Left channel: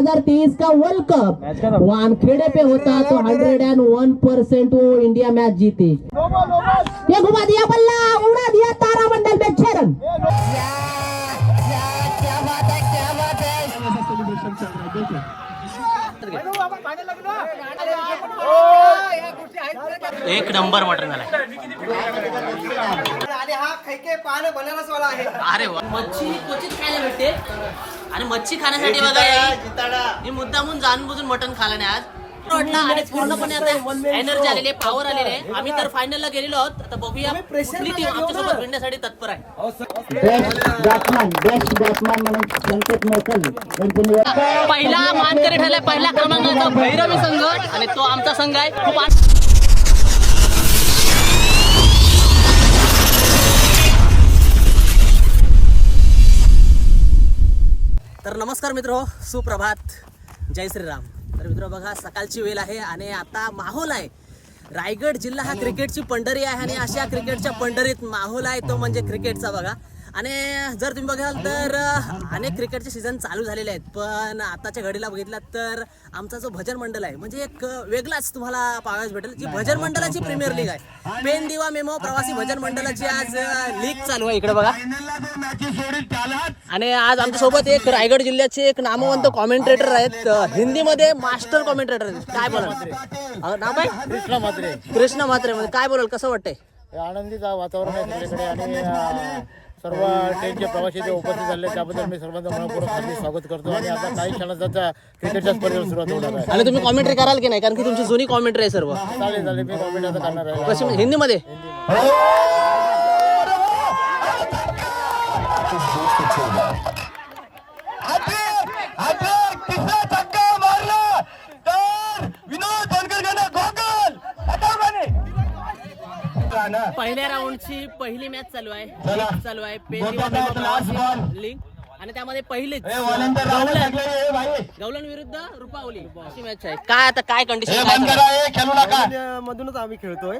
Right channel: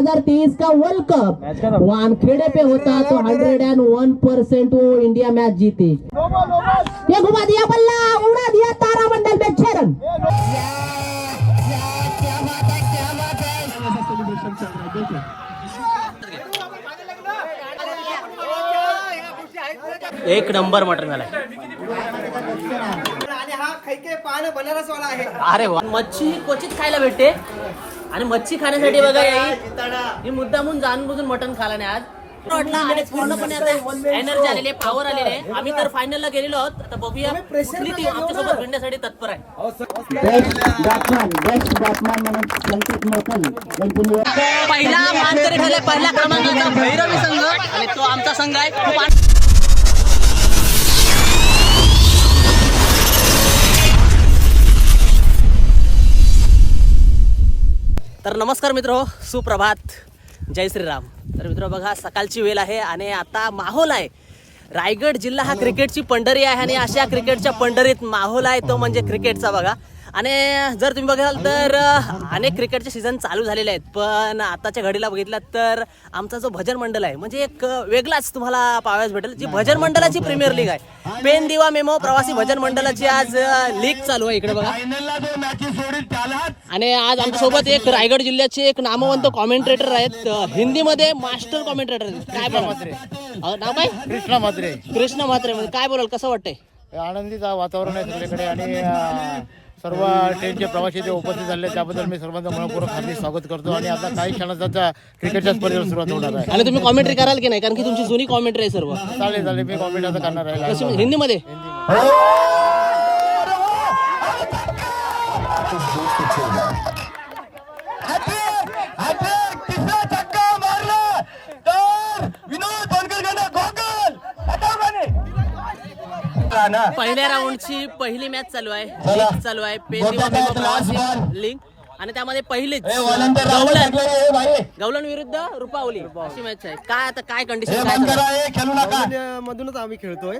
2023 का world cup Wankhede पे होता तो 101% वो इंडिया मैच जीती। ये घुमा दिया बल्ला, उड़ा दिया तारामंडल में 6 रन। एक नंबर मटन झालाय. अरे वा. मच्छी ही क्वचित खायला भेटते आणि मच्छी खाण्यासाठी बघा ही मुद्दामून जाणून बुजून मटन खाला नाही आज वाटला आणि पूर्णपणे आता एनर्जी आलेली आहे, पॉवर आलेली आहे. आम्ही तर फायनलला गेलेलो आहोत. आता बघूया कुठली टीम आमच्यासोबत भिडण्यासाठी तत्पर आहे. पहिला मानकरी ठरलाय पहिल्या क्रमांकाचा भैरवी संघ आणि तो आमचा संघ आहे. खूप तर नमस्कार मित्र, सुप्रभात, जय श्रीराम. तर मित्र बघा सकाळची वेळ आहे आणि आता माहोल आहे. रायगड जिल्हा हा क्रिकेटची पंढरी आहे आणि अशा क्रिकेटच्या पंढरीत माहोल आहे तो म्हणजे क्रिकेटचा बघा. आणि जर तुम्ही बघाल तर अनेक क्रिकेटचे सीझन चालू झालेले आहेत, पण आताच्या घडीला बघितलं तर आमचा जो भजन मंडळ आहे म्हणजे एक वेगळाच तुम्हाला पाहायला भेटेल. जी भजन मंडळाची प्रीमियर लीग आहे, पेन दिवा मेमो प्रवासी भजन मंडळाची आज लीग चालू आहे इकडे बघा. आणि आज आमच्यासोबत एक रायगड जिल्ह्याचे एक नामवंत कॉमेंट्रेटर आहेत, हिंदीमध्ये मास्टर कॉमेंट्रेटर आहेत. काय बोलाल नाव काय? कृष्णा म्हात्रे. मध्ये काय बोलाल, कसं वाटतंय? आनंदीचं वातावरण आहे सगळीकडे आणि सर्व ट्रेनचे प्रवासी जे उपस्थित झाले त्याबद्दल मी सर्वांचं मनपूर्वक हार्दिक स्वागत करतो. आणि आता काही क्षणात क्रिकेटच्या स्पर्धेला सुरुवात होणार आहे. आणि तुम्ही कॉमेंट्री कराल की नाही, कारण की तुमची जुनी कॉमेंट्री आहे सर्व. चालेल मी कॉमेंट आता करणार आहे. कशी म्हणजे हिंदीमध्ये? पहिल्या राऊंडची पहिली मॅच चालू आहे, लीग चालू आहे, लीग. आणि त्यामध्ये पहिलेच गवलन विरुद्ध रुपावली अशी मॅच आहे. काय आता काय कंडिशन काय मधूनच आम्ही खेळतोय.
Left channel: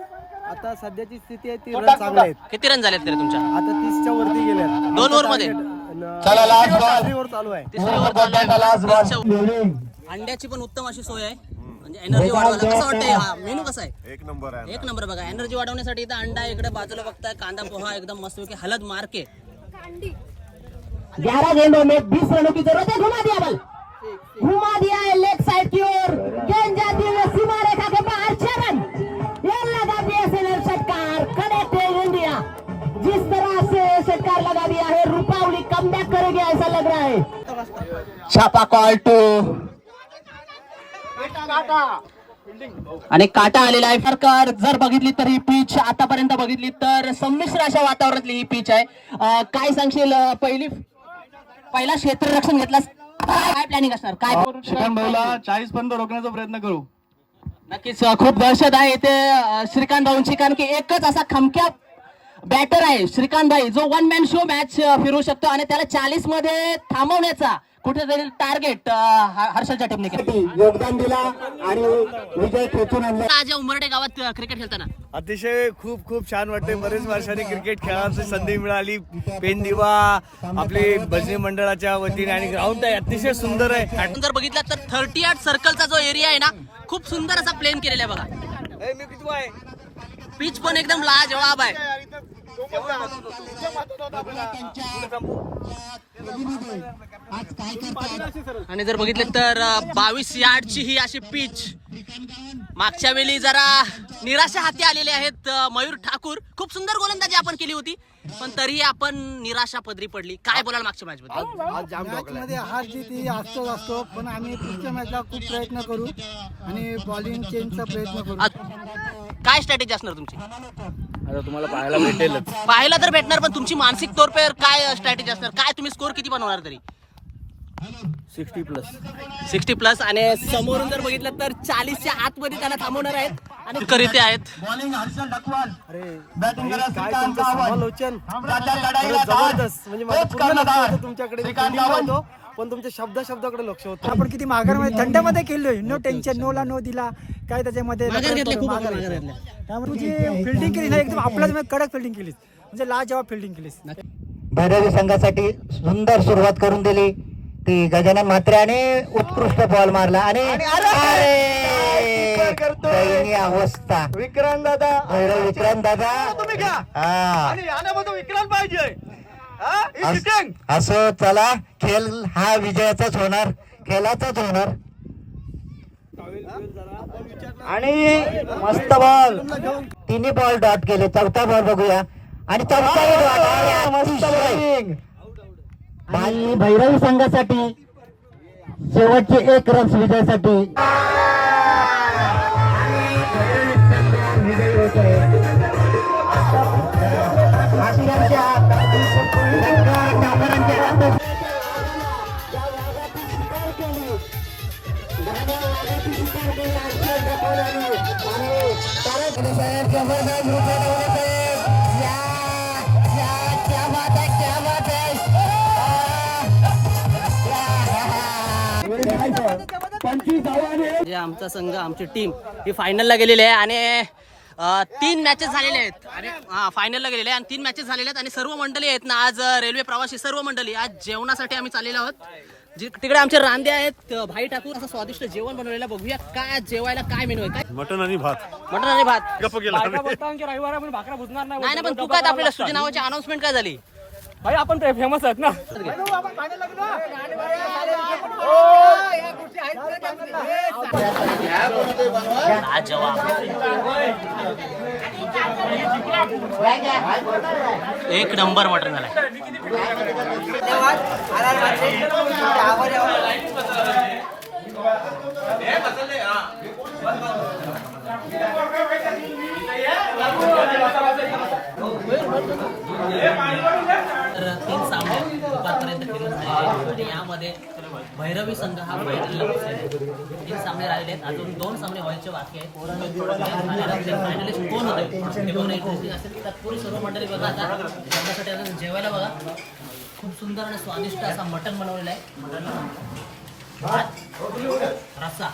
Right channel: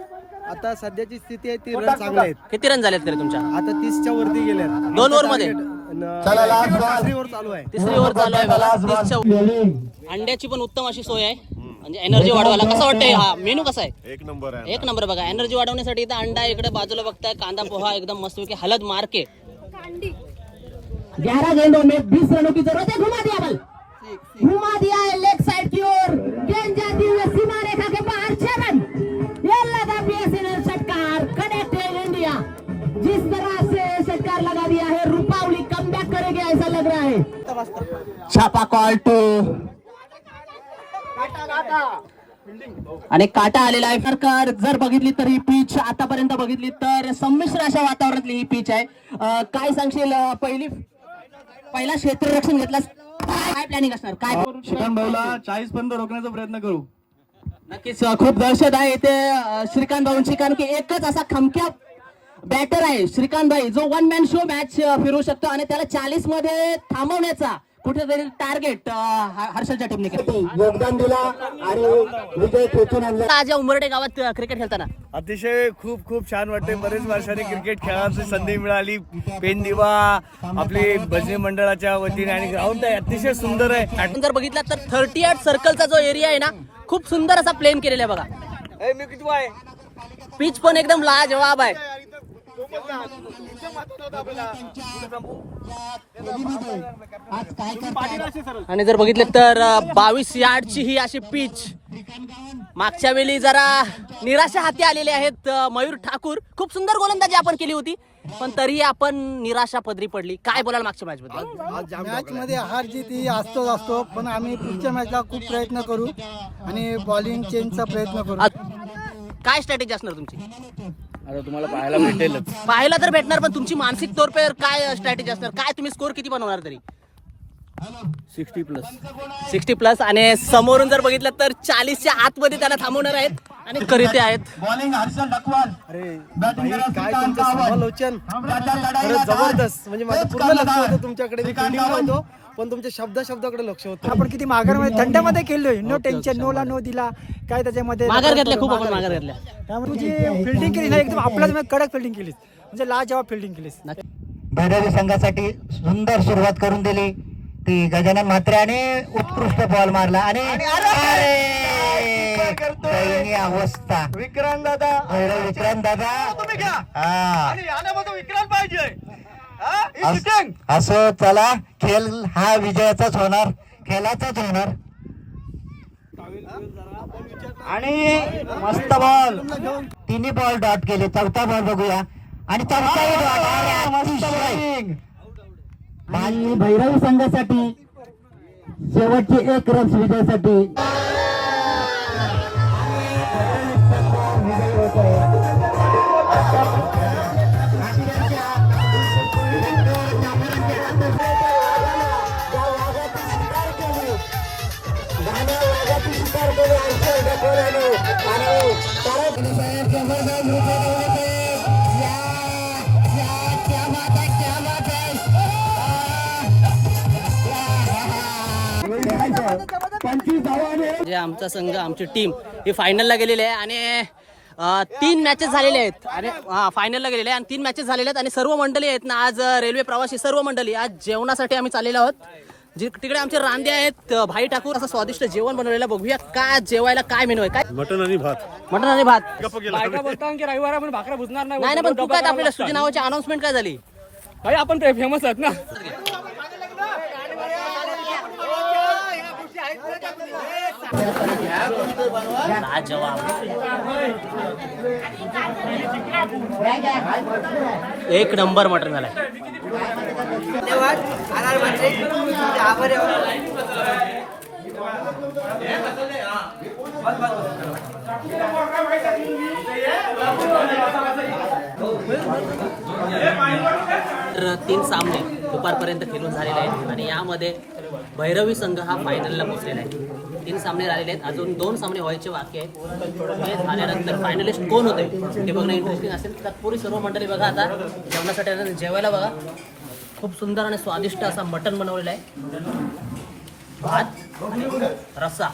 आता सध्याची स्थिती आहे ती रन चांगले आहेत. किती रन झालेत तरी तुमच्या? आता 30च्या वरती गेल्यात. 2 ओव्हर मध्ये तिसरी ओव्हर चालू आहे. तिसरी ओव्हर चालू आहे. अंड्याची पण उत्तम अशी सोय आहे, म्हणजे एनर्जी वाढवायला. कसं वाटतंय हा मेनू कसा आहे? एक नंबर आहे. एक नंबर बघा. एनर्जी वाढवण्यासाठी इथं अंडा इकडे बाजूला बघताय, कांदा पोहा एकदम मस्त की हलद मार के. 11 गेंदों में 20 रनों की जरूरत है. घुमा दिया बल, घुमा दिया है लेग साइड की ओर, गेंद जाती हुई सीमा रेखा के बाहर 6 रन. ये लगा बीएसएल षटकार, कनेक्ट है इंडिया. जिस तरह से षटकार लगा दिया है, रुपावली कमबैक करेगी ऐसा लग रहा है. छापा कॉल टू आणि काटा आलेला आहे. सरकार जर बघितली तर ही पिच आतापर्यंत बघितली तर संमिश्र अशा वातावरणातली ही पिच आहे. काय सांगशील? पहिला क्षेत्ररक्षण घेतलास, काय प्लॅनिंग असणार? काय 40 पर्यंत रोखण्याचा प्रयत्न करू. नक्कीच खूप दहशत आहे इथे श्रीकांत भाऊंची, कारण की एकच असा खमक्या बॅटर आहे श्रीकांत भाई, जो 1 मॅन शो मॅच फिरू शकतो आणि त्याला 40 मध्ये थांबवण्याचा कुठेतरी टार्गेट हर्षलच्या टीमने योगदान दिला आणि विजय खेचून आणला. आज उमरडे गावात क्रिकेट खेळताना अतिशय खूप छान वाटते. बरेच वर्षांनी क्रिकेट खेळायची संधी मिळाली. पेन दिवा आपली भजनी मंडळाच्या वतीने आणि ग्राउंड आहे अतिशय सुंदर आहे. जर बघितलं तर 38 सर्कलचा जो एरिया आहे ना, खूप सुंदर असा प्लेन केलेला आहे बघा. पिच पण एकदम लाजवाब आहे. आणि जर बघितलं तर 22 यार्डची ही अशी पिच. मागच्या वेळी जरा निराशा हाती आलेले आहेत मयूर ठाकूर. खूप सुंदर गोलंदाजी आपण केली होती, पण तरीही आपण निराशा पदरी पडली. काय बोलाल मागच्या मॅच बद्दल? मॅच मध्ये हार जीत ही असतो, पण आम्ही पुढच्या मॅचला खूप प्रयत्न करू आणि बॉलिंग चेंजचा प्रयत्न करू. काय स्ट्रॅटेजी असणार तुमची? आता तुम्हाला पाहायला भेटेलच. पाहायला तर भेटणार, पण तुमची मानसिक तौर पर काय स्ट्रॅटेजी असणार? काय तुम्ही स्कोर किती बनवणार तरी? 60 प्लस. आणि समोरून जर बघितलं तर 40च्या आतमध्ये त्यांना थांबवणार आहेत आणि करीते आहेत. अरे भाई, काय तुमचं समालोचन खरंच जबरदस्त. म्हणजे माझं पूर्ण लक्ष होतं तुमच्याकडे. मी फिल्डिंगला होतो, पण तुमच्या शब्दाकडे लक्ष होतं. आपण किती माघार थंडमध्ये खेळलोय, नो टेन्शन, नो ला नो दिला काय त्याच्यामध्ये माघार घेतल्या, खूप आपण माघार घेतल्या. त्यामुळे तुझी फिल्डिंग केली ना एकदम आपल्याच कडक फिल्डिंग केलीस, म्हणजे लाजवाब फिल्डिंग केलीस. भैरवी संघासाठी सुंदर सुरुवात करून दिली. ती गजानन म्हात्र्याने उत्कृष्ट बॉल मारला आणि दयनीय अवस्था विक्रांत दादा विक्रांत दादा तुम्ही घ्या हा आणि आल्यामध्ये विक्रांत पाहिजे असं चला खेळ हा विजयाचाच होणार खेळाचाच होणार आणि मस्त बॉल तिन्ही बॉल डॉट केले चौथा बॉल बघूया आणि आणि भैरवी संघासाठी शेवटचे 1 रन विजयासाठी जे आमचा संघ आमची टीम ही फायनलला गेलेली आहे आणि 3 मॅचेस झालेले आहेत आणि फायनलला गेलेले आहे आणि 3 मॅचेस झालेले आहेत आणि सर्व मंडळी आहेत ना आज रेल्वे प्रवासी सर्व मंडळी आज जेवणासाठी आम्ही चाललेलो आहोत तिकडे आमचे रांदे आहेत भाई ठाकूर असं स्वादिष्ट जेवण बनवलेलं बघूया काय जेवायला काय मेनू आहे काय मटन आणि भात बायका बोलतात की रविवार आपण भाकरा बुजणार नाही ना पण तू काय आपल्याला सुजी नावाची अनाउन्समेंट काय झाली भाई आपण फेमस आहेत ना लाजवाब एक नंबर मटन झालाय तर 3 सामने दुपारपर्यंत खेळून झालेले आहेत आणि यामध्ये भैरवी संघ हा फायनलला पोहोचलेला आहे 3 सामने झालेले आहेत अजून 2 सामने व्हायचे बाकी आहेत हे झाल्यानंतर फायनलिस्ट कोण होते ते बघणं इंटरेस्टिंग असेल तत्पूर्वी सर्व मंडळी बघा आता जेवणासाठी आता जेवायला बघा खूप सुंदर आणि स्वादिष्ट असा मटण बनवलेला आहे भात रस्सा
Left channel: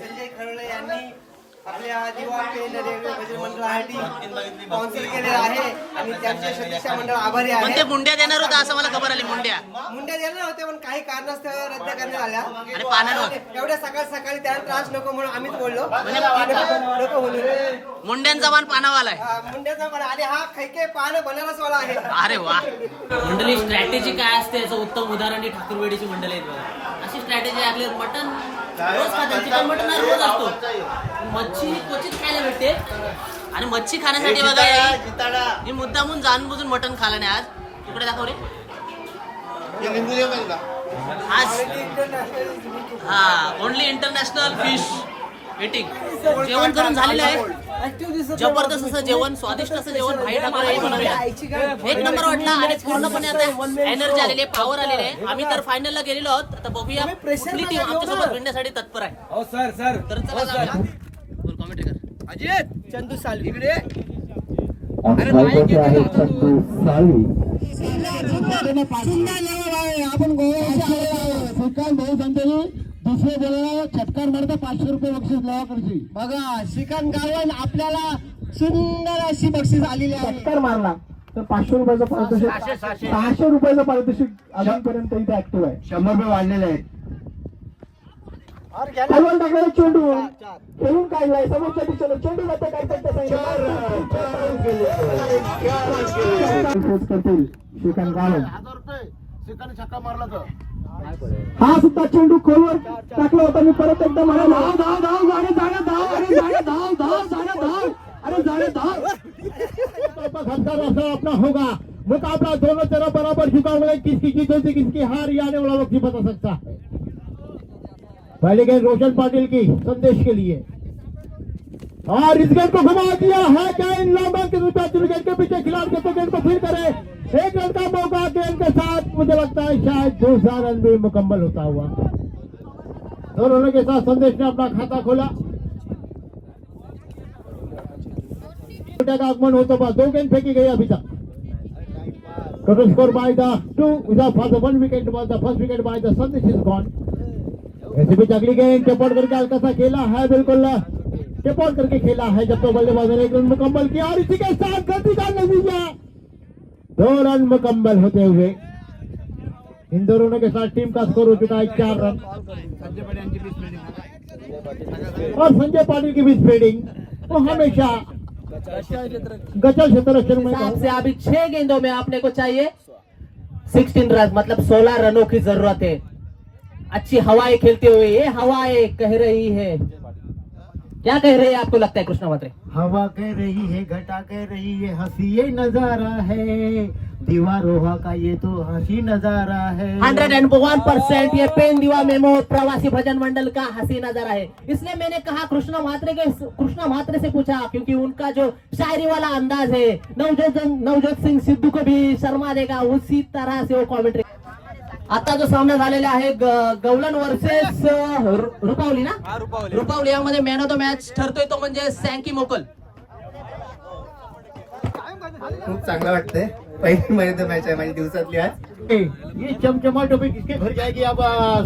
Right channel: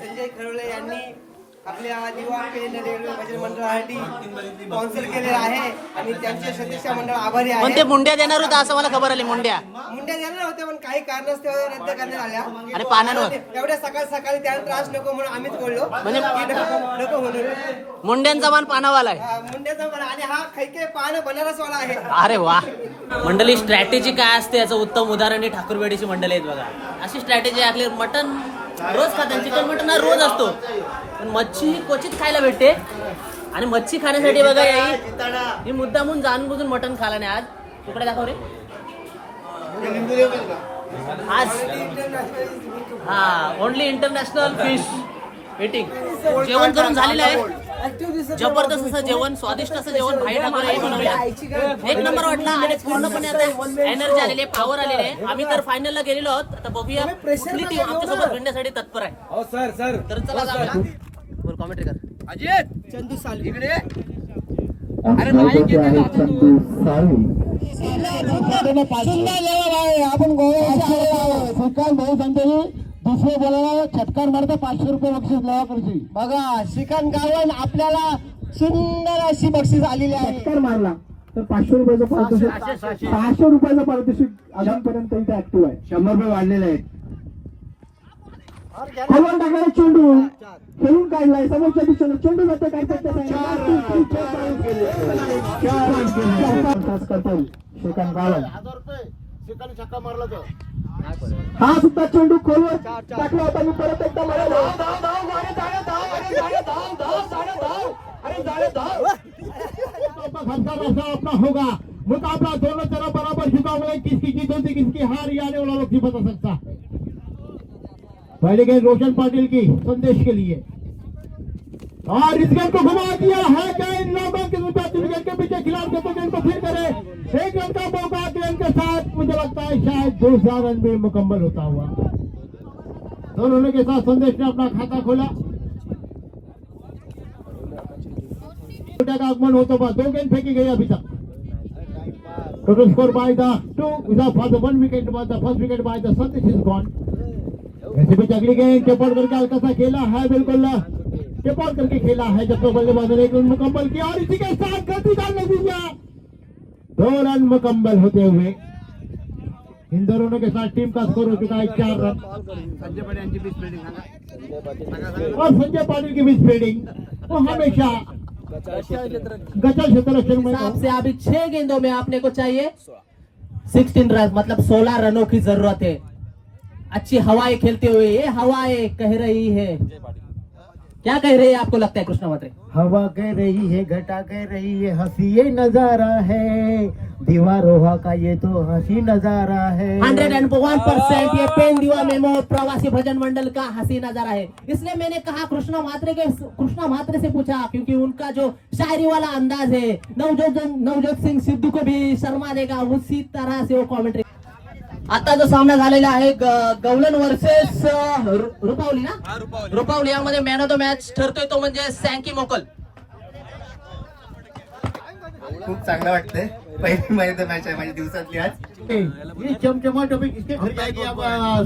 संजय खरोळे यांनी आपल्या दिवा पेन रेल्वे बचत मंडळासाठी स्पॉन्सर केलेलं आहे आणि त्यांचे सदस्य मंडळ आभारी पण आहे. ते मुंड्या देणार होता असं मला खबर आली मुंड्या देणार होते पण काही कारणास्तव रद्द करण्यात आल्या आणि पाण्यावर एवढ्या सकाळी त्यांना त्रास नको म्हणून आम्हीच बोललो नको म्हणून मुंड्यांचा मान पानावाला आहे मुंड्याचा पण आणि हा खैके पान बनारस वाला आहे. अरे वा मंडळी स्ट्रॅटेजी काय असते याचं उत्तम उदाहरण ही ठाकूरवाडीची मंडळी आहेत बघा अशी स्ट्रॅटेजी आपली मटन रोज खाते चिकन मटन हा रोज असतो पण मच्छी ही क्वचित खायला भेटते आणि मच्छी खाण्यासाठी बघा ही मुद्दामून जाणून बुजून मटन खाला नाही आज तुकडे दाखव रे आज हा ओनली इंटरनॅशनल फिश ईटिंग जेवण करून झालेलं आहे जबरदस्त असं जेवण स्वादिष्ट असं जेवण भाई ठाकूर यांनी बनवलं एक नंबर वाटला आणि पूर्णपणे आता एनर्जी आलेली आहे पॉवर आलेली आहे आम्ही तर फायनलला गेलेलो आहोत आता बघूया कुठली टीम आमच्यासोबत भिडण्यासाठी तत्पर आहे तर चला जाऊया बोल कॉमेंट्री कर अजित चंदू सालवी इकडे आपण दुसरे बोलायला छटकार मारता 500 रुपये बक्षीस लावा करशी बघा श्रीकांत गावण आपल्याला सुंदर अशी बक्षीस आलेली आहे छटकार मारला तर 500 रुपयाचं पारितोषिक 600 रुपयाचं पारितोषिक अजूनपर्यंत इथे ऍक्टिव्ह आहे 100 रुपये वाढलेले आहेत खालून टाकलेला चेंडू खेळून काढलाय समोरच्या दिशेला चेंडू मात्र काय करतील श्रीकांत गावण श्रीकांत छक्का मारला तर हा सुद्धा चेंडू खोलवर टाकला होता मी परत एकदा म्हणाला अपना होगा मुकाबला दोनों तरफ बराबर झुका हुआ है किसकी जीत होती किसकी हार ये आने वाला वक्त ही बता सकता पहले गए रोशन पाटिल की संदेश के लिए और इस गेंद को घुमा दिया है क्या इन लोगों के विकेट के पीछे खिलाफ करते गेंद को फिर करे 1 रन का मौका गेंद के साथ मुझे लगता है शायद 2 रन में मुकम्मल होता हुआ दोनों के साथ संदेश ने अपना खाता खोला का आगमन होते बाद 2 गेंद फेंकी गई अभी तक total score by the 2 without for the 1 wicket by the first wicket by the Sandesh is gone वैसे भी अगली गेंद चपड़ करके हल्का सा खेला है, बिल्कुल चपड़ करके खेला है, जब तक बल्लेबाजों ने एक रन मुकम्मल किया और इसी के साथ गति का नतीजा 2 रन मुकम्मल होते हुए इन दोनों के साथ टीम का स्कोर हो चुका है 4 रन। और संजय पाटिल की भी स्पीडिंग वो हमेशा गचा क्षेत्र रक्षण में हिसाब से अभी 6 गेंदों में आपने को चाहिए 16 रन, मतलब 16 रनों की जरूरत है। अच्छी हवाएं खेलते हुए ये हवाएं कह रही है, क्या कह रही है आपको लगता है कृष्णा मात्रे? हवा कह रही है, घटा कह रही है, हंसी ये नजारा है, दीवारों का ये तो हंसी नजारा है। 101% ये पेन दीवा मेमो प्रवासी भजन मंडल का हंसी नजारा है। इसलिए मैंने कहा कृष्णा मात्रे से पूछा, क्योंकि उनका जो शायरी वाला अंदाज है नवजोत सिंह सिद्धू को भी शर्मा देगा, उसी तरह से वो कॉमेंट्री। आता जो सामना झालेला आहे गवलन वर्सेस रुपावली ना, रुपावली यामध्ये मॅन ऑफ द मॅच ठरतोय तो म्हणजे सँकी मोकल। खूप चांगलं वाटतंय, पहिली महिन्यात मॅच आहे माझी दिवसातली आज। ये चमचमा टॉपिक किसके घर जाएगी आप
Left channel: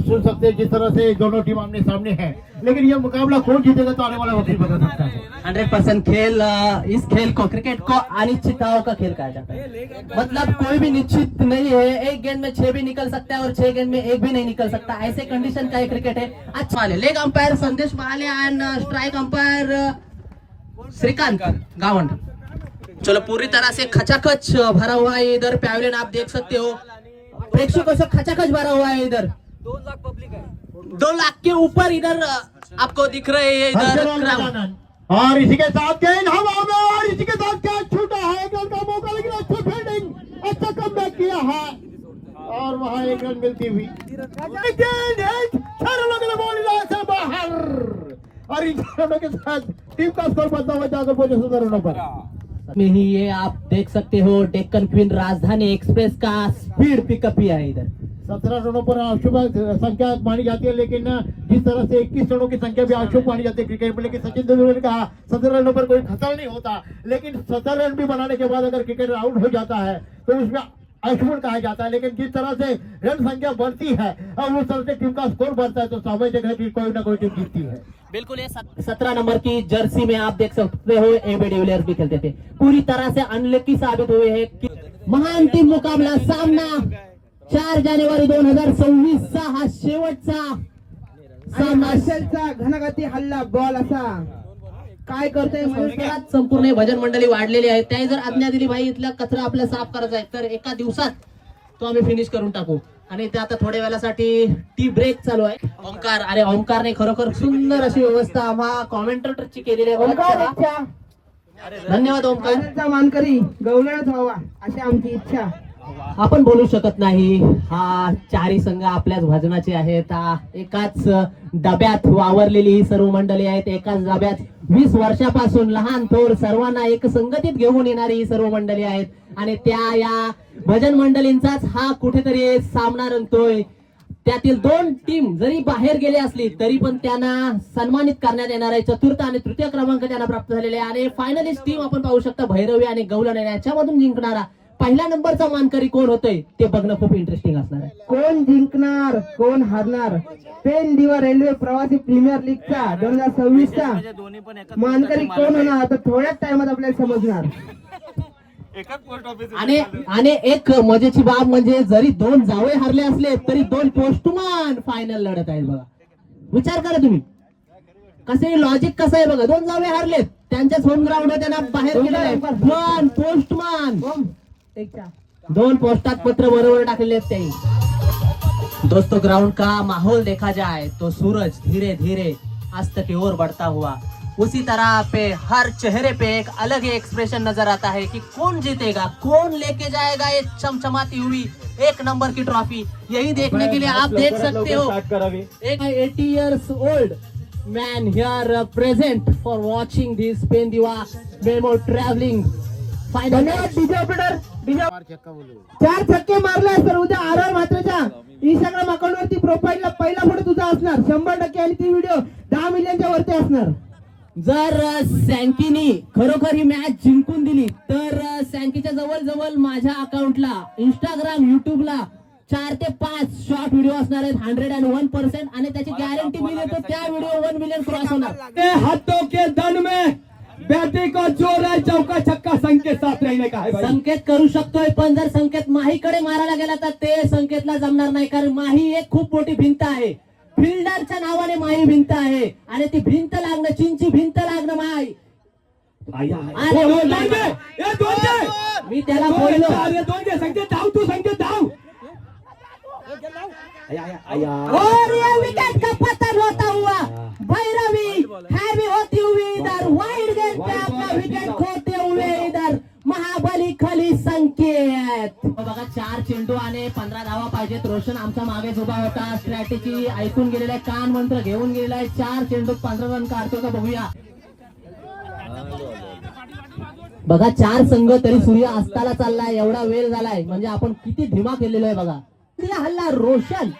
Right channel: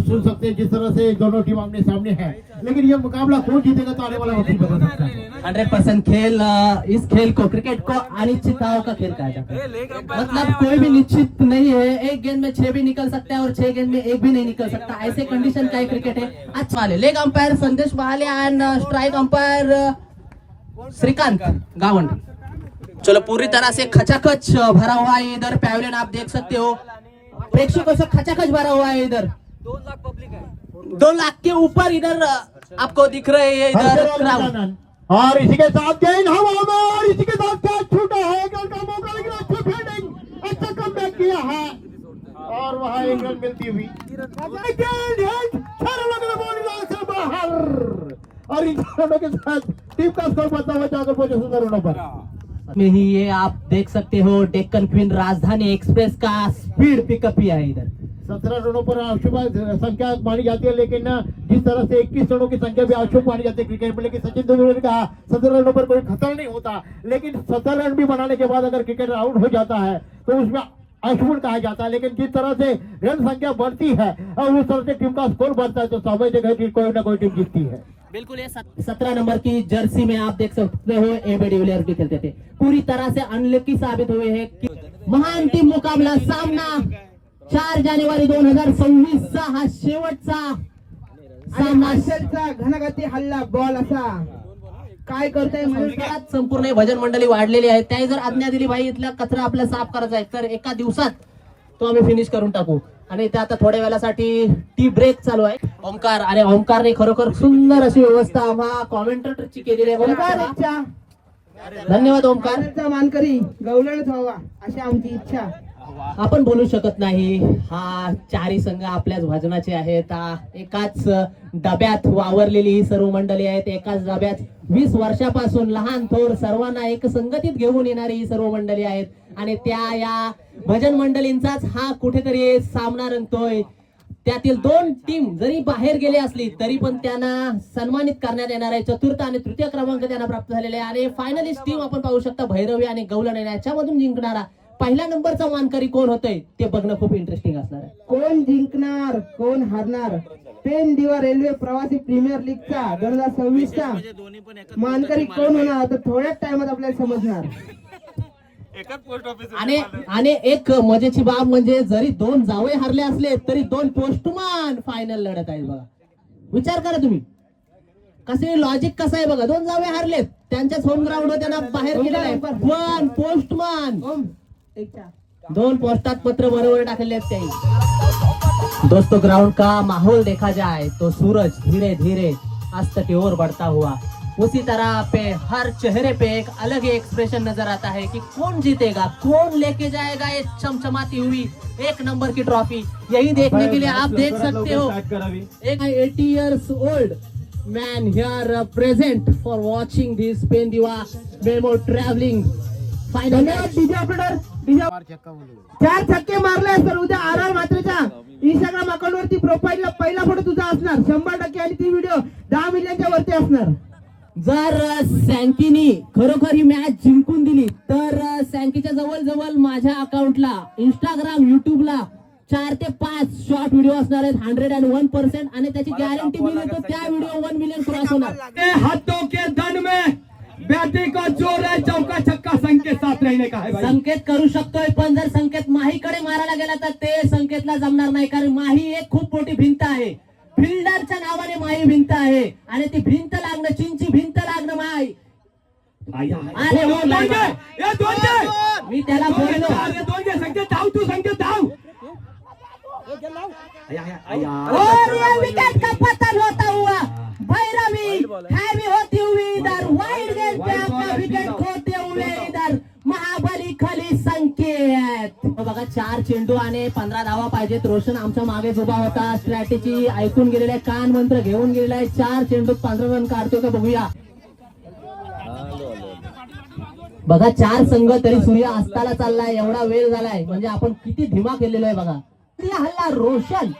सुन सकते हैं, जिस तरह से दोनों टीम आमने सामने है, लेकिन ये मुकाबला कौन जीतेगा तो आने वाला वक्त ही बता सकता है। 100% खेल इस खेल को क्रिकेट को अनिश्चितताओं का खेल कहा जाता है, मतलब कोई भी निश्चित नहीं है। एक गेंद में 6 भी निकल सकता है और 6 गेंद में 1 भी नहीं निकल सकता, ऐसे कंडीशन का क्रिकेट है। अच्छा वाले leg umpire Sandesh Bahale end strike umpire Shrikant Gawand. चलो पूरी तरह से खचाखच भरा हुआ है इधर पैवेलियन, आप देख सकते हो प्रेक्षकों से खचाखच भरा हुआ है इधर। 2 लाख पब्लिक है, 2 लाख के ऊपर इधर आपको दिख रहे हैं इधर क्राउड। और इसी के साथ गेंद हवा में और इसी के साथ कैच छूटा है, एक रन का मौका, लेकिन अच्छी फील्डिंग, अच्छा कमबैक किया है और वहां 1 रन मिलती हुई गेंद है 6 रनों के लिए बॉल से बाहर और इन रनों के साथ टीम का स्कोर बढ़ता हुआ जाकर पहुंचे 17 रनों पर। में ही ये आप देख सकते हो डेक्कन क्वीन राजधानी एक्सप्रेस का स्पीड पिकअप ही है इधर। 17 रनों पर शुभ संख्या मानी जाती है, लेकिन जिस तरह से 21 रनों की संख्या भी अशुभ मानी जाती है क्रिकेट में, लेकिन सचिन तेंदुलकर ने कहा 17 रनों पर कोई खतरा नहीं होता, लेकिन 17 रन भी बनाने के बाद अगर क्रिकेट आउट हो जाता है तो उसमें अशुभ कहा जाता है। लेकिन जिस तरह से रन संख्या बढ़ती है और उस तरह से टीम का स्कोर बढ़ता है तो स्वाभाविक है कि कोई ना कोई टीम जीतती है। बिल्कुल ये 17 नंबर की जर्सी में आप देख सकते हो एबी डिविलियर्स भी खेलते थे, पूरी तरह से अनलकी साबित हुए हैं कि महाअंतिम मुकाबला सामना 4 जानेवारी 2026 चा हा शेवटचा सामना, घनगती हल्ला बॉल असा काय करतोय म्हणून संपूर्ण भजन मंडळी वाढलेली आहे, त्याही जर आज्ञा दिली भाई इथला कचरा आपल्याला साफ करायचा आहे तर एका दिवसात तो आम्ही फिनिश करून टाकू। आणि इथे आता थोड्या वेळासाठी टी ब्रेक चालू आहे। ओमकार आणि ओमकारने खरोखर सुंदर अशी व्यवस्था आम्हा कॉमेंटेटरची केलेली आहे। धन्यवाद ओमकार। मानकरी गवलनच व्हावा अशी आमची इच्छा। आपण बोलू शकत नाही, हा 4ही संघ आपल्याच भजनाचे आहेत, एकाच डब्यात वावरलेली ही सर्व मंडळी आहेत, एकाच डब्यात 20 वर्षापासून लहान थोर सर्वांना एक संगतीत घेऊन येणारी ही सर्व मंडळी आहेत आणि त्या या भजन मंडळींचाच हा कुठेतरी सामना रंगतोय। त्यातील 2 टीम जरी बाहेर गेली असली तरी पण त्यांना सन्मानित करण्यात येणार आहे। 4th आणि 3य क्रमांक त्यांना प्राप्त झालेले आहे आणि फायनलिस्ट टीम आपण पाहू शकता भैरवी आणि गवलन याच्यामधून जिंकणारा पहिल्या नंबरचा मानकरी कोण होतोय ते बघणं खूप इंटरेस्टिंग असणार आहे। कोण जिंकणार कोण हारणार, पेन दिवा रेल्वे प्रवासी प्रीमियर लीगचा 2026 चा मानकरी कोण होणार आता थोड्याच टाइमात आपल्याला समजणार। आणि एक मजेची बाब म्हणजे जरी 2 जावई हरले असले तरी 2 पोस्टमन फायनल लढत आहेत बघा। विचार करा तुम्ही कसे लॉजिक कसं आहे बघा, 2 जावई हरलेत त्यांच्याच होम ग्राउंडवर त्यांना बाहेर केलेलं आहे, पण पोस्टमन 2 पोस्टात पत्र बरोबर टाकलेले आहेत त्याही। दोस्तों ग्राउंड का माहौल देखा जाए तो सूरज धीरे धीरे अस्त की ओर बढ़ता हुआ, उसी तरह पे हर चेहरे पे एक अलग ही एक्सप्रेशन नजर आता है कि कौन जीतेगा, कौन लेके जाएगा ये चमचमाती हुई 1 नंबर की ट्रॉफी। यही देखने के लिए आप देख सकते हो एक 80 years old man here present for watching this Pen Diva MEMU travelling final. DJ operator 4 छक्के मारले तर उद्या आर मात्रेच्या इंस्टाग्राम अकाउंट वरती प्रोफाईलला पहिला फोटो तुझा असणार 100% आणि ती व्हिडिओ 10 मिलियनच्या वरती असणार। जर सँकीनी खरोखर ही मॅच जिंकून दिली तर सँकीच्या जवळ माझ्या अकाउंटला इंस्टाग्राम युट्यूबला 4 ते 5 शॉर्ट व्हिडिओ असणार आहेत 101% आणि त्याची गॅरंटी मी देतो त्या व्हिडिओ 1 मिलियन क्रॉस होणार. हाथों के दन में बैटिंग का जोर है, चौका छक्का संकेत साथ रहने का है भाई. संकेत करू शकतोय पण जर संकेत माहीकडे मारायला गेला तर ते संकेतला जमणार नाही, कारण माही एक खूप मोठी भिंत आहे. फिल्डरच्या नावाने माही भिंत आहे आणि ती भिंत लागणं, चीनची भिंत लागणं माही. मी त्याला बोललो संकेत धाव, तू संकेत धाव. विकेट का पतन होता हुआ भैरवी हैवी होती हुई इधर वाइड गेंद पे अपना विकेट खोते हुए इधर महाबली खाली संकेत. बघा 4 चेंडू आणि 15 धावा पाहिजेत. रोशन आमच्या मागेच उभा होता, स्ट्रॅटेजी ऐकून गेलेला आहे, कान मंत्र घेऊन गेलेला आहे. 4 चेंडूत 15 रन काढतो का बघूया. बघा 4 संघ तरी सूर्य अस्ताला चाललाय, एवढा वेळ झालाय म्हणजे आपण किती धीमा केलेलो आहे बघा. हल्ला रोशन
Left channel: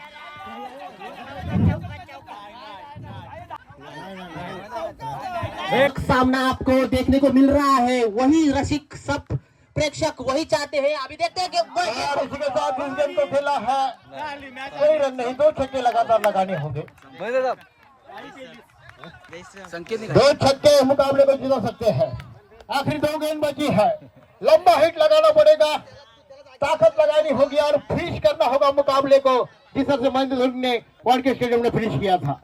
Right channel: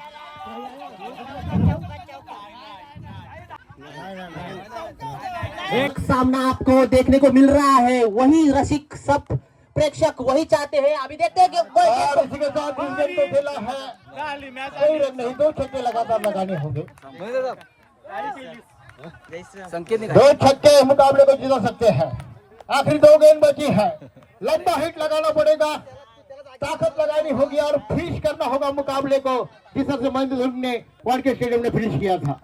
एक सामना आपको देखने को मिल रहा है, वही रसिक सब प्रेक्षक वही चाहते हैं. अभी देखते हैं कि को खेला है, कोई रन नहीं, 2 छक्के लगातार लगाने होंगे. 2 छक्के मुकाबले को जिता सकते हैं. आखिरी 2 गेंद बची है, लंबा हिट लगाना पड़ेगा, ताकत लगानी होगी और फिनिश करना होगा मुकाबले को, जिस तरह से महेंद्र धोनी ने वानखेड़े स्टेडियम में फिनिश किया था.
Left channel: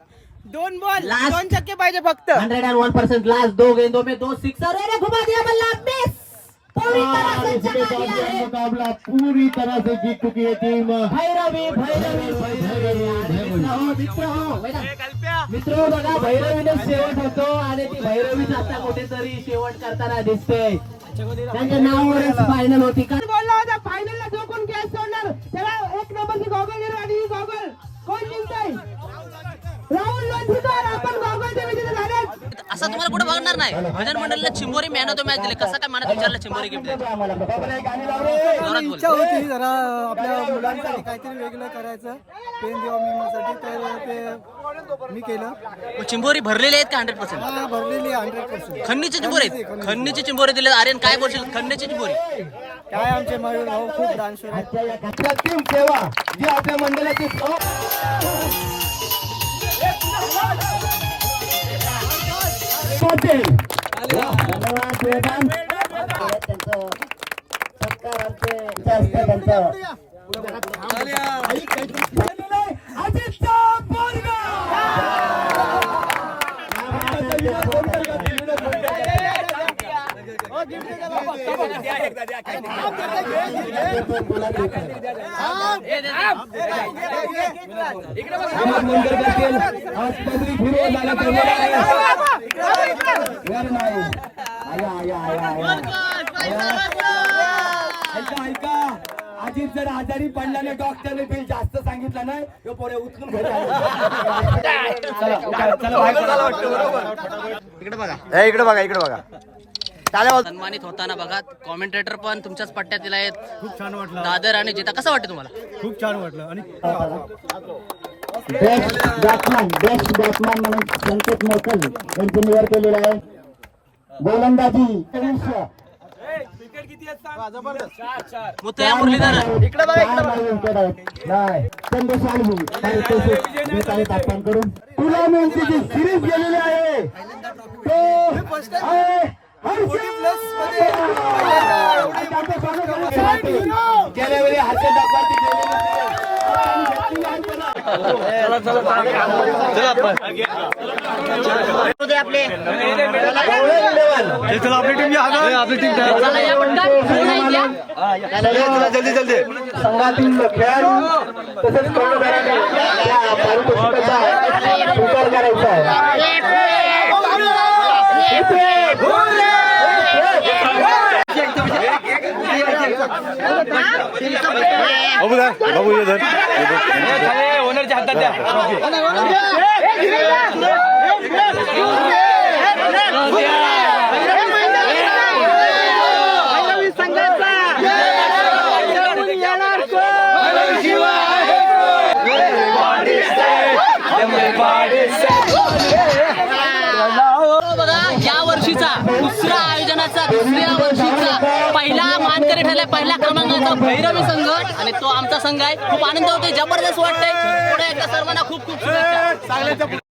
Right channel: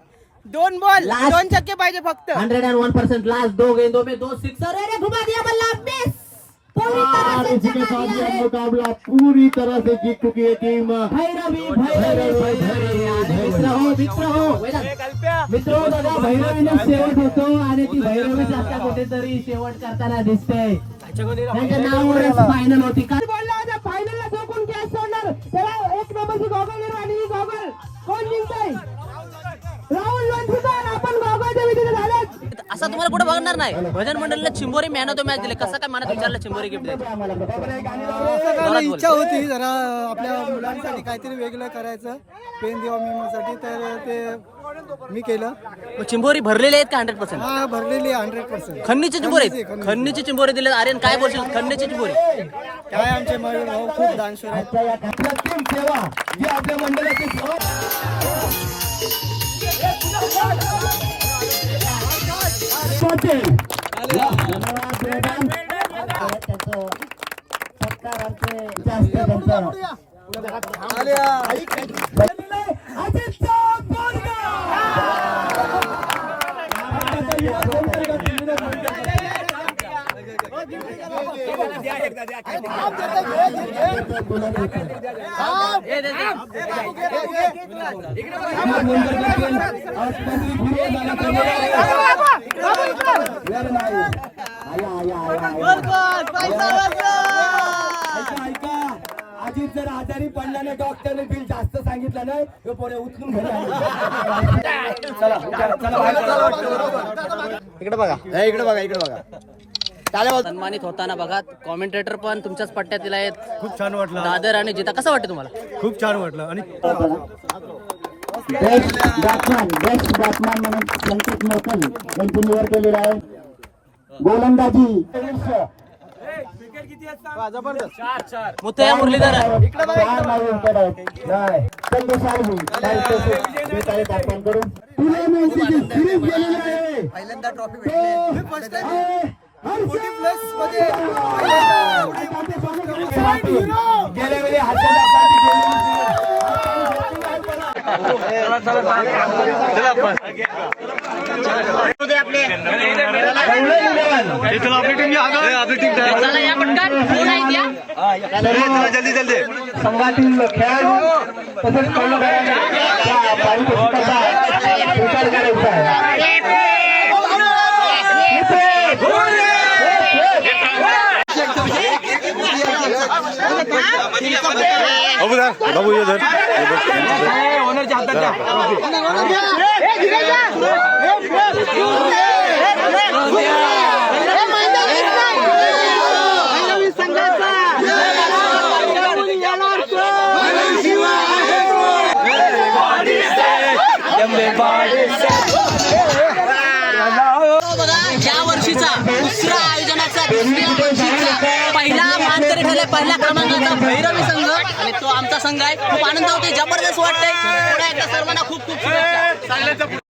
2 बॉल 2 छक्के पाहिजे फक्त. 101% लास्ट 2 गेंदों में 2 सिक्सर है, घुमा दिया बल्ला, मिस. और इसी के साथ यह मुकाबला पूरी तरह से जीत चुकी है टीम मित्रो. बघा भैरवीने शेवट होतो आणि ती भैरवी आता कुठेतरी शेवट करताना दिसते. त्यांच्या नावावरच फायनल होती. बोलला होता फायनलला जो कोण गॅस सोडणार त्याला 1 नंबरची गॉगल घेणार आणि ही गॉगल कोण जिंकतंय? राहुल लोणीकर. आपण गॉगलचे विजेते झाले. असं तुम्हाला कुठे बघणार नाही. भजन मंडळीला चिंबोरी मॅन ऑफ द मॅच दिले. कसं काय मनात विचारलं चिंबोरी गिफ्ट द्यायची? इच्छा होती जरा आपल्या मुलांसाठी काहीतरी वेगळं करायचं पेन दिवा मेमोसाठी, तर ते मी केलं. मग चिंबोरी भरलेले आहेत का 100%? हा भरलेली आहे 100%. खन्नीची चिंबोरी आहेत. खन्नीची चिंबोरी दिले. आर्यन काय बोलशील खन्नीची चिंबोरी? काय आमचे मयूर भाऊ खूप डान्सर आहेत. अजित जर आजारी पडल्याने डॉक्टरने बिल जास्त सांगितलं नाही, हे पोरे उचलून घरी इकडे बघा इकडे बघा. सन्मानित होताना बघा कॉमेंटेटर पण तुमच्याच पट्ट्यातील आहेत. खूप छान वाटलं. दादर आणि जिता कसं वाटतं तुम्हाला? खूप छान वाटलं. आणि बेस्ट बॅट्समॅन म्हणून संकेत मोकल यांची निवड केलेली आहे. गोलंदाजी मुथय्या मुरलीधर तुला माहिती सिरीज गेलेली आहे. चला या पटकन. कोण आहेत या? संघातील खेळाडू तसेच बाबू इधर ओनरच्या हातात द्या. बघा या वर्षीचा दुसऱ्या आयोजनाचा 2ऱ्या वर्षीचा पहिला मानकरी ठरला आहे पहिल्या क्रमांकाचा भैरवी संघ आणि तो आमचा संघ आहे. खूप आनंद होते, जबरदस्त वाटतंय. पुढे एकदा सर्वांना खूप खूप शुभेच्छा.